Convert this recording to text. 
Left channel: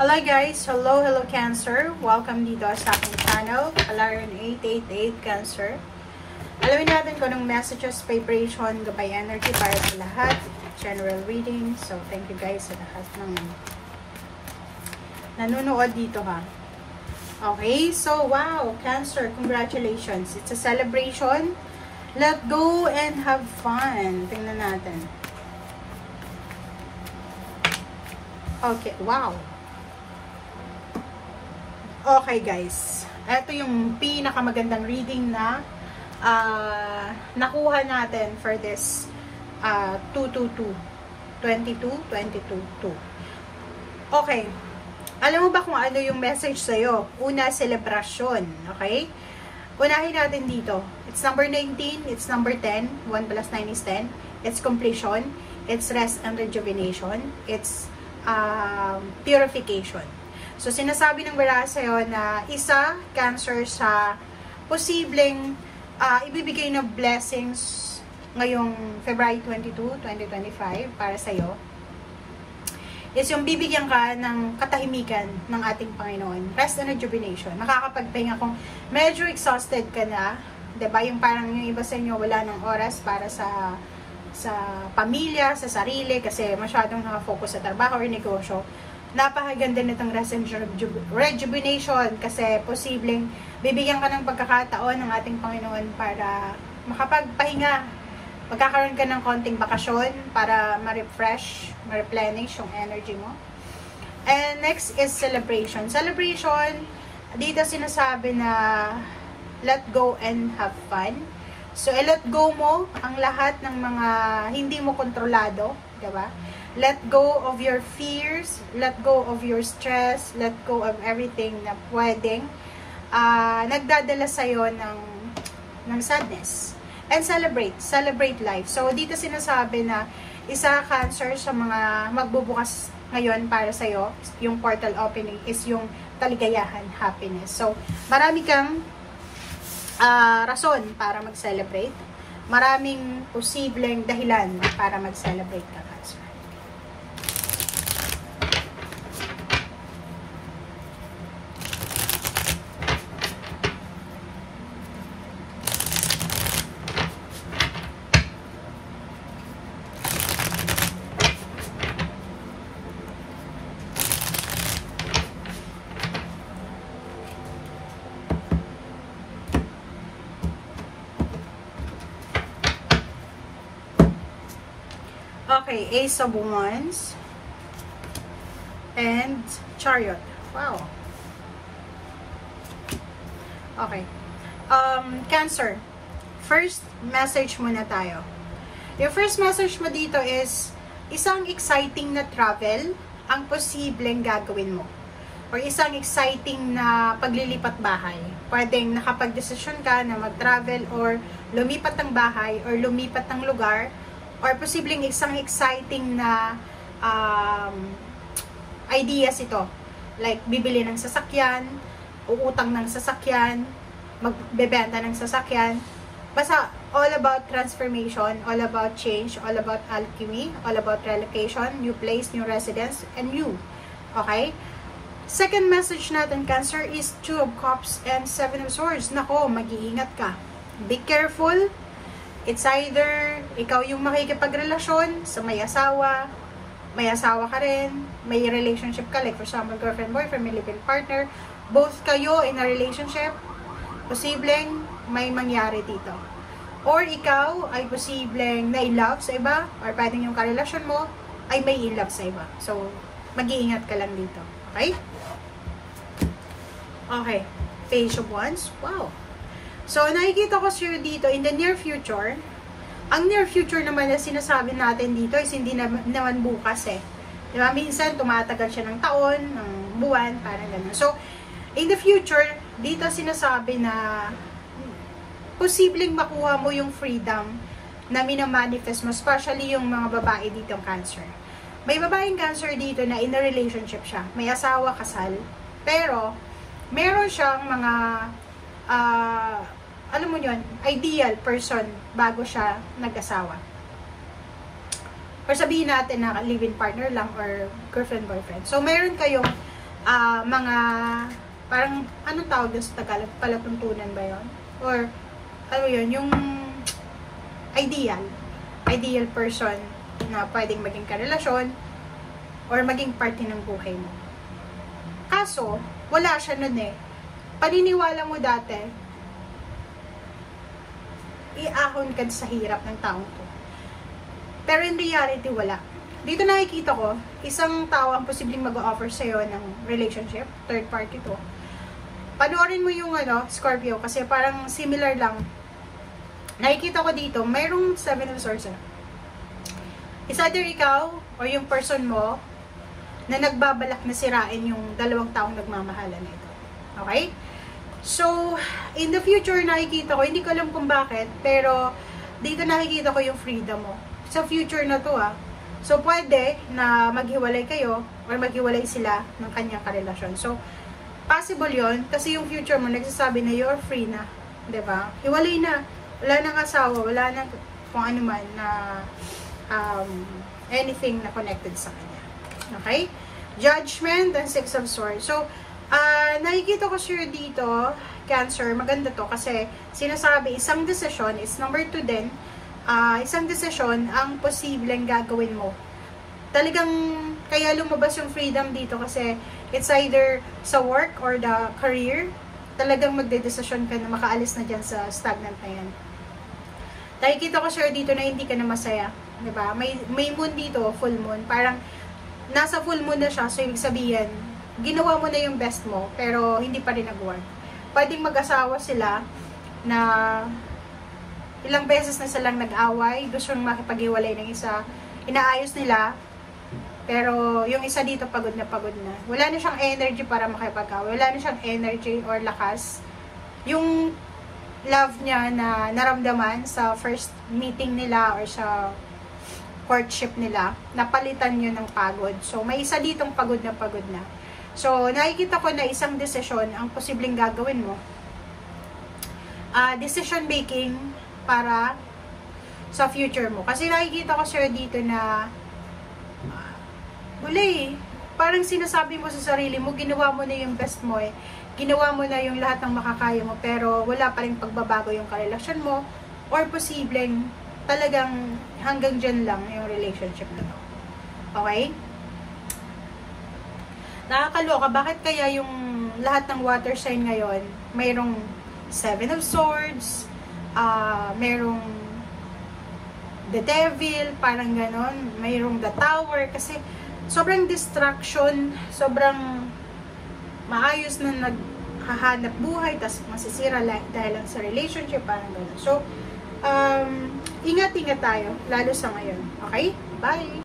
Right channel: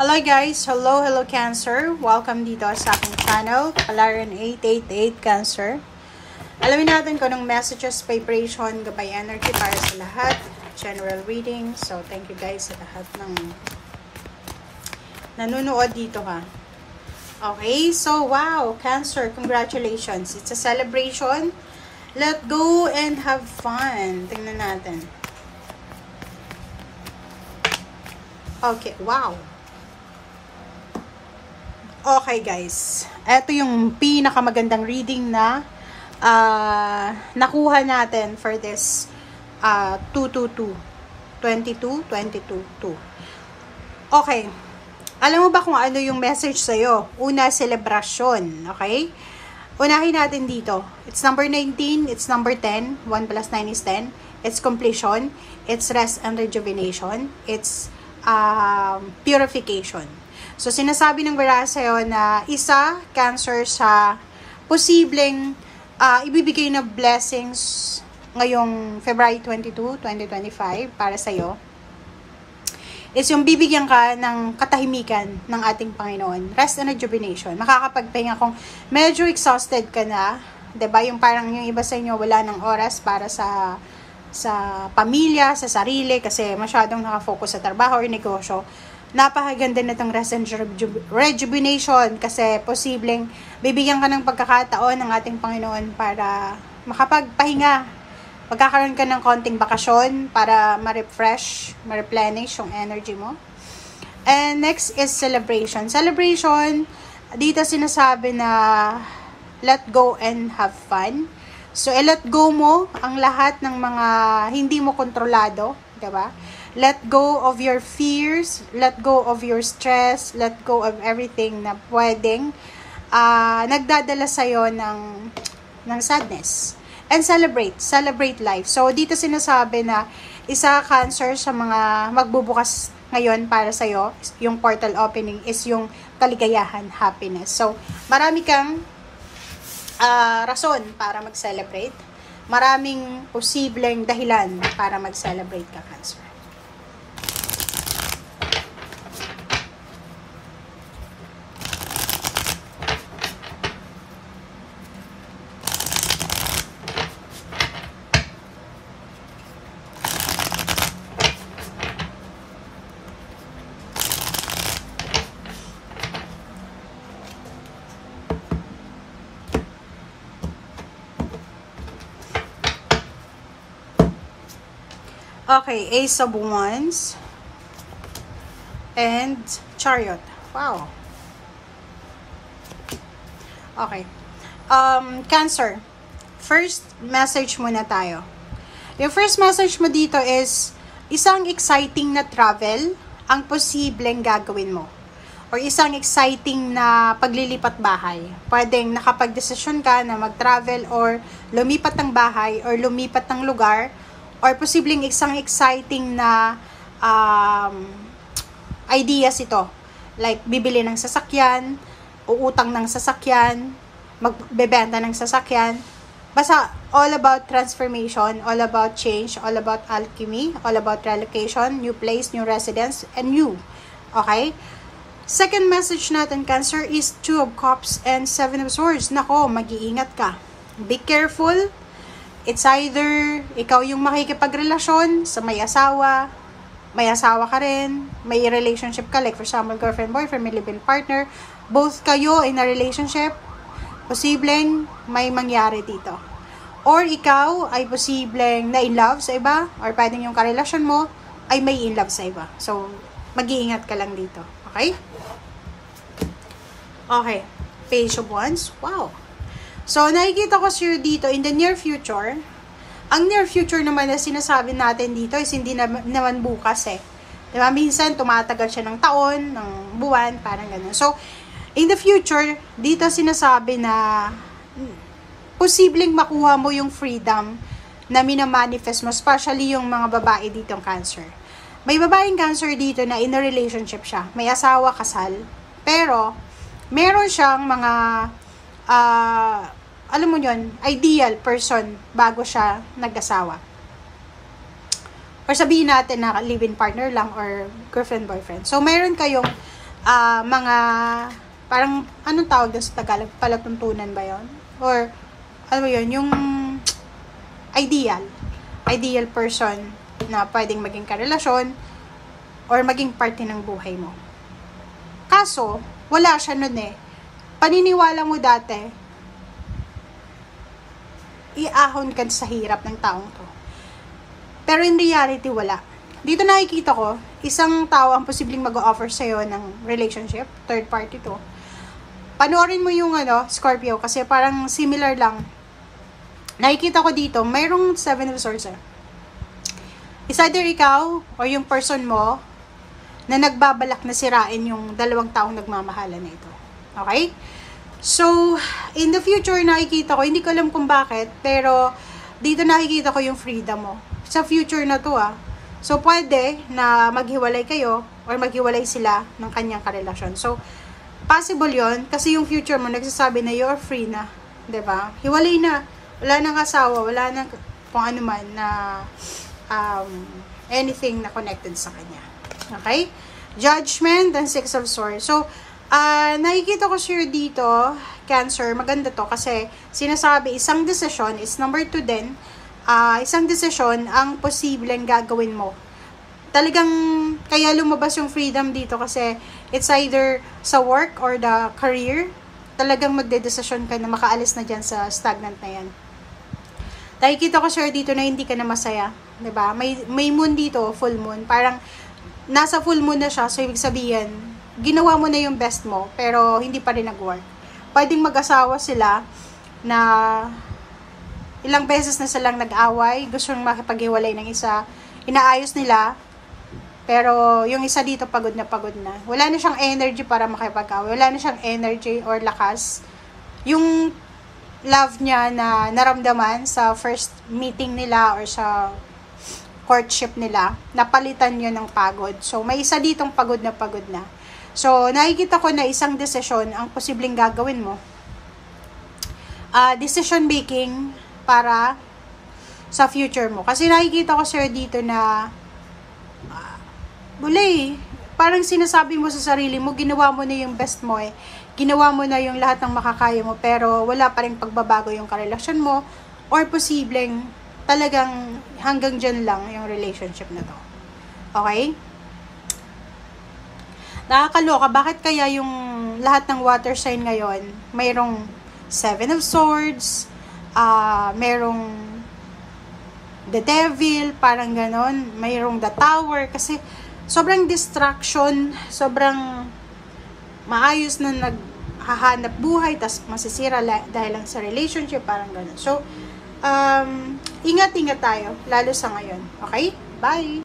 Hello guys! Hello Cancer! Welcome dito sa aking channel, Kalarian 888 Cancer. Alamin natin kung anong messages, vibration, gabay energy para sa lahat. General reading. So, thank you guys sa lahat ng nanonood dito ha. Okay, so wow! Cancer, congratulations! It's a celebration. Let go and have fun. Tingnan natin. Okay, wow! Okay guys, ito yung pinakamagandang reading na nakuha natin for this 22-22. Okay, alam mo ba kung ano yung message sa'yo? Una, celebration, okay? Unahin natin dito. It's number 19, it's number 10, 1 plus 9 is 10. It's completion, it's rest and rejuvenation, it's purification. So, sinasabi ng Vera sa'yo na isa, Cancer, sa posibleng ibibigay na blessings ngayong February 22, 2025 para sa'yo is yung bibigyan ka ng katahimikan ng ating Panginoon. Rest and rejuvenation. Makakapagpahinga kung medyo exhausted ka na, diba? Yung parang yung iba sa inyo wala ng oras para sa pamilya, sa sarili, kasi masyadong nakafocus sa trabaho o negosyo. Napakaganda na itong rest and rejuvenation kasi posibleng bibigyan ka ng pagkakataon ng ating Panginoon para makapagpahinga. Magkakaroon ka ng konting bakasyon para ma-refresh, ma-replenish yung energy mo. And next is celebration. Celebration, dito sinasabi na let go and have fun. So, let go mo ang lahat ng mga hindi mo kontrolado, diba? Let go of your fears, let go of your stress, let go of everything na pwedeng nagdadala sa'yo ng sadness. And celebrate life. So, dito sinasabi na isa, Cancer, sa mga magbubukas ngayon para sa'yo, yung portal opening is yung kaligayahan, happiness. So, marami kang rason para mag-celebrate. Maraming posibleng dahilan para mag-celebrate ka, Cancer. Okay, Ace of Wands and Chariot. Wow. Okay. Cancer. First message muna tayo. Yung first message mo dito is isang exciting na travel ang posibleng gagawin mo. Or isang exciting na paglilipat bahay. Pwedeng nakapag-desisyon ka na mag-travel or lumipat ng bahay or lumipat ng lugar. Or posibleng isang exciting na ideas ito. Like, bibili ng sasakyan, uutang ng sasakyan, magbebenta ng sasakyan. Basta, all about transformation, all about change, all about alchemy, all about relocation, new place, new residence, and new. Okay? Second message natin, Cancer, is 2 of Cups and 7 of Swords. Nako, mag-iingat ka. Be careful. It's either ikaw yung makikipagrelasyon sa may asawa ka rin, may relationship ka, like for example, girlfriend, boyfriend, may live-in partner, both kayo in a relationship, posibleng may mangyari dito. Or ikaw ay posibleng na in love sa iba, or pwedeng yung karelasyon mo ay may in love sa iba. So, mag-iingat ka lang dito. Okay? Okay. Page of Wands. Wow. So, nakikita ko sir dito, in the near future, ang near future naman na sinasabi natin dito is hindi naman bukas eh. Diba? Minsan, tumatagal siya ng taon, ng buwan, parang gano'n. So, in the future, dito sinasabi na posibleng makuha mo yung freedom na minamanifest mo, especially yung mga babae dito ng Cancer. May babaeng Cancer dito na in a relationship siya. May asawa, kasal, pero meron siyang mga alam mo yun, ideal person bago siya nag-asawa. Or sabihin natin na live-in partner lang or girlfriend, boyfriend. So, mayroon kayong mga, parang, anong tawag doon sa Tagalog? Palatuntunan ba yon? Or, ano yun, yung ideal person na pwedeng maging karelasyon or maging parte ng buhay mo. Kaso, wala siya nun eh. Paniniwala mo dati, iahon ka sa hirap ng taong to. Pero in reality, wala. Dito nakikita ko, isang tao ang posibleng mag-offer sa'yo ng relationship, third party to. Panoorin mo yung Scorpio, kasi parang similar lang. Nakikita ko dito, mayroong 7 of Swords. Is either ikaw or yung person mo na nagbabalak na sirain yung dalawang taong nagmamahalan na ito. Okay? So, in the future, nakikita ko, hindi ko alam kung bakit, pero dito nakikita ko yung freedom mo. Sa future na to So, pwede na maghiwalay kayo or maghiwalay sila ng kanyang karelasyon. So, possible yon kasi yung future mo nagsasabi na you're free na. 'Di ba? Hiwalay na. Wala nang asawa, wala nang kung ano man na anything na connected sa kanya. Okay? Judgment and Six of Swords. So, nakikita ko sure dito, Cancer, maganda to kasi sinasabi, isang desisyon is number 2 din. Isang desisyon ang posibleng gagawin mo. Talagang kaya lumabas yung freedom dito kasi it's either sa work or the career. Talagang magdedesisyon ka na makaalis na dyan sa stagnant na yan. Nakikita ko sure dito na hindi ka na masaya. 'Di ba? May moon dito, full moon. Parang nasa full moon na siya, so ibig sabihin, ginawa mo na yung best mo, pero hindi pa rin nag-work. Pwedeng mag-asawa sila na ilang beses na silang nag-away, gusto nang makipag-iwalay ng isa, inaayos nila, pero yung isa dito pagod na pagod na. Wala na siyang energy para makipag-away, wala na siyang energy or lakas. Yung love niya na naramdaman sa first meeting nila or sa courtship nila, napalitan yun ng pagod. So, may isa ditong pagod na pagod na. So, nakikita ko na isang desisyon ang posibleng gagawin mo. Decision making para sa future mo. Kasi nakikita ko sir dito na parang sinasabi mo sa sarili mo, ginawa mo na yung best mo eh. Ginawa mo na yung lahat ng makakaya mo, pero wala pa rin pagbabago yung karelasyon mo, or posibleng talagang hanggang dyan lang yung relationship na to. Okay? Nakakaloka, bakit kaya yung lahat ng water sign ngayon, mayroong 7 of Swords, mayroong the Devil, parang ganon, mayroong the Tower, kasi sobrang distraction, sobrang maayos na naghahanap buhay, tas masisira dahil lang sa relationship, parang ganon. So, ingat-ingat tayo, lalo sa ngayon. Okay? Bye!